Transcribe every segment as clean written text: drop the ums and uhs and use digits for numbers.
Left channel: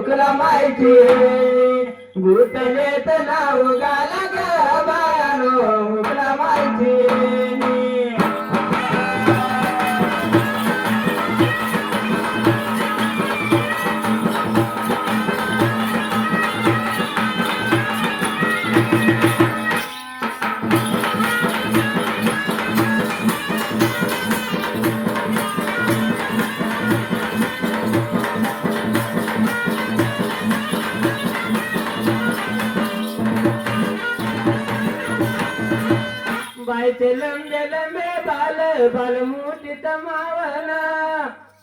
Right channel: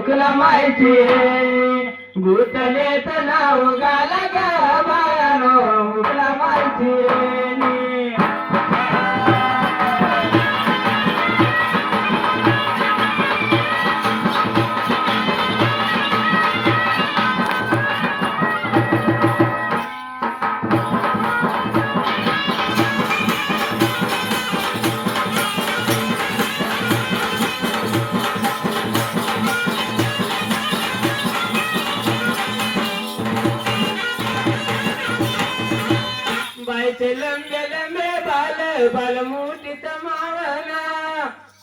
हुकला माहिती गुटलेत नाव गाला ग बायानो हुकला माहिती बाईचे लंबे लंबे बाल बाल मोठी तमावना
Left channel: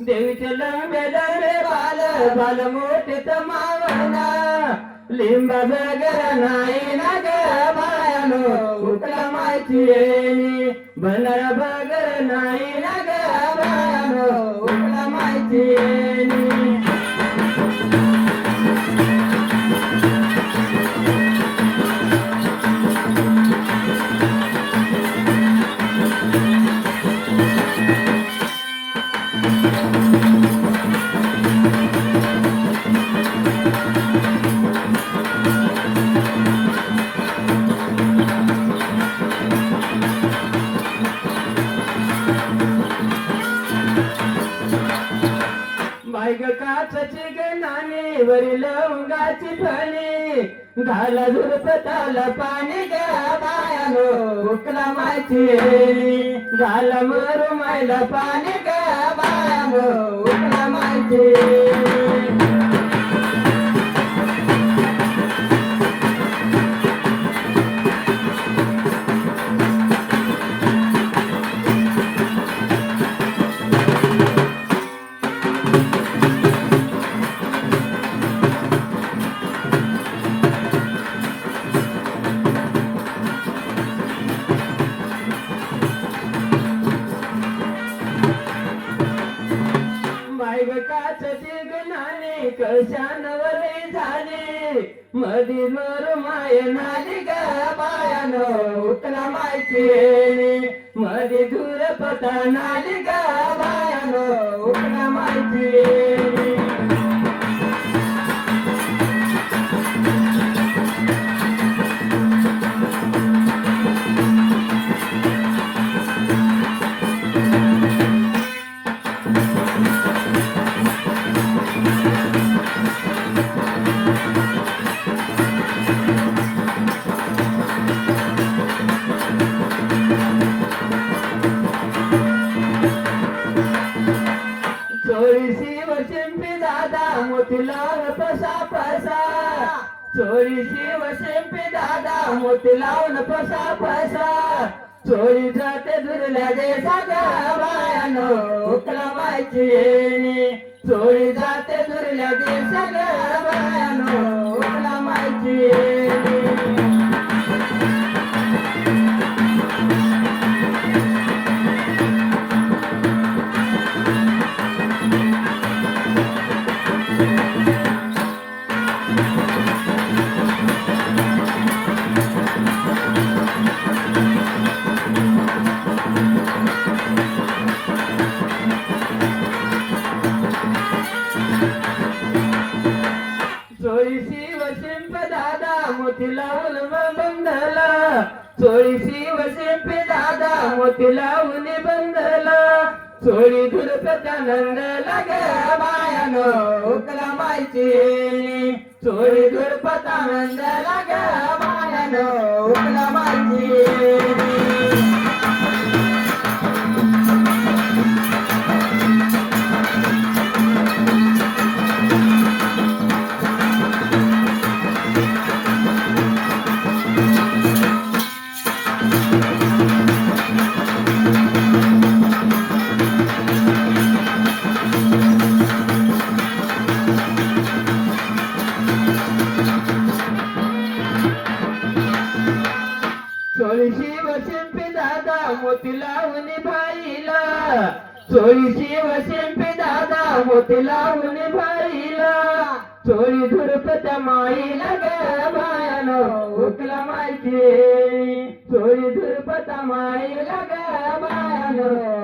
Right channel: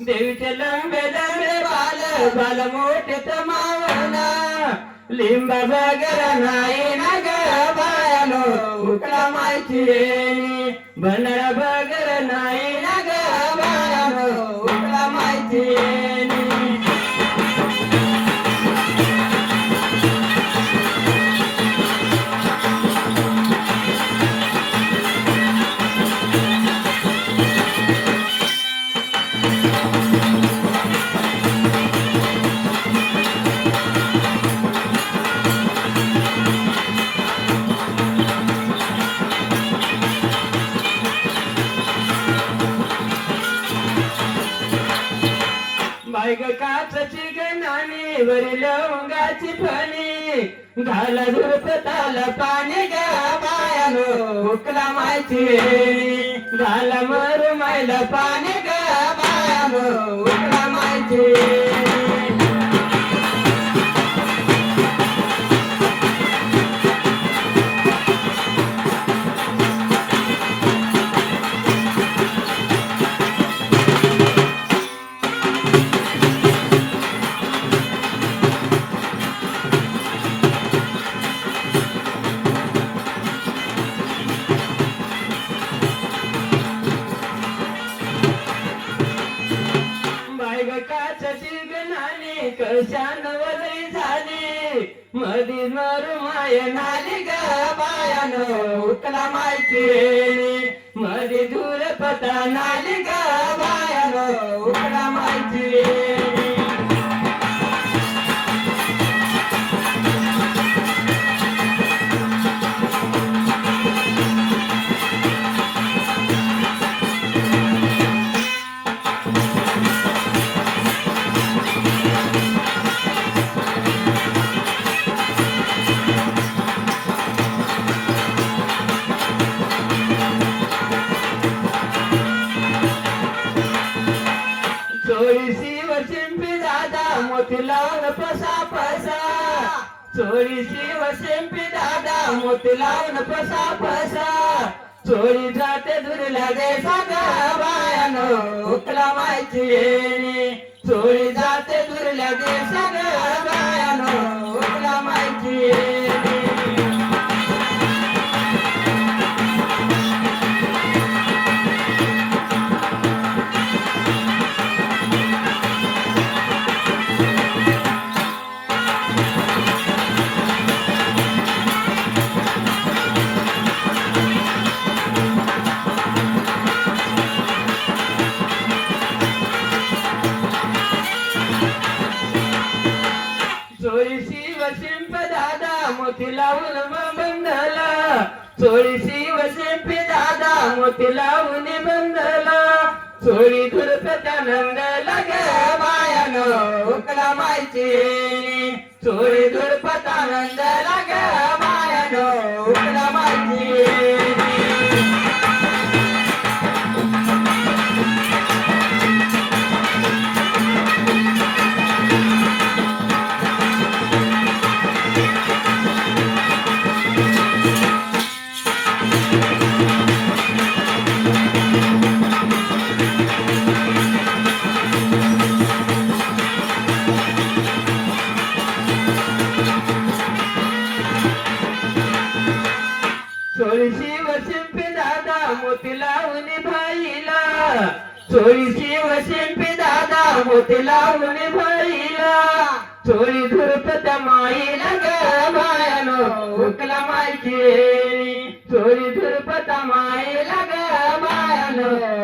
देवीचे लंबे लंबे बाल बाल मोठी तमावना लिंबा बगर नाही ना ग बायानो हुकला माहिती बनर बगर नाही ना ग बायानो हुकला माहिती बायग काचची गणाने वरील लवंगाची फणी घाल झुरपताला पाणी गा बायानो हुकला माहिती घाल मरू मायला पाणी गा बायानो हुकला माहिती काचची गणाने कशान वलय झाली मधी मरू माय नाली ग बायानो हुकला माहिती मधी दूर पता नाली ग बायानो हुकला माहिती चोळीशी वशिंपी दादा मोती लावून पसा पसा चोळीशी वशिंपी दादा मोती लावून पसा पसा चोळी जाते दुरल्या देशा ग बायानो हुकला माहिती चोळी जाते दुरल्या देशा ग बायानो हुकला माहिती चोळीशी वशिंप दादा मोती लावून बंधला चोळीशी वशिंप दादा मोती लावून बंधला चोळी धुरपत्या नंदला ग बायानो हुकला माहिती चोळी धुरपता नंदला ग बायानो हुकला माहिती चोळीशी वशिंपी दादा मोती लावून बाईला चोळीशी वशिंपी दादा मोती लावून बाईला चोळी धुरपत्या माईला ग बायानो हुकला माहिती चोळी धुरपत्या माईला ग बायानो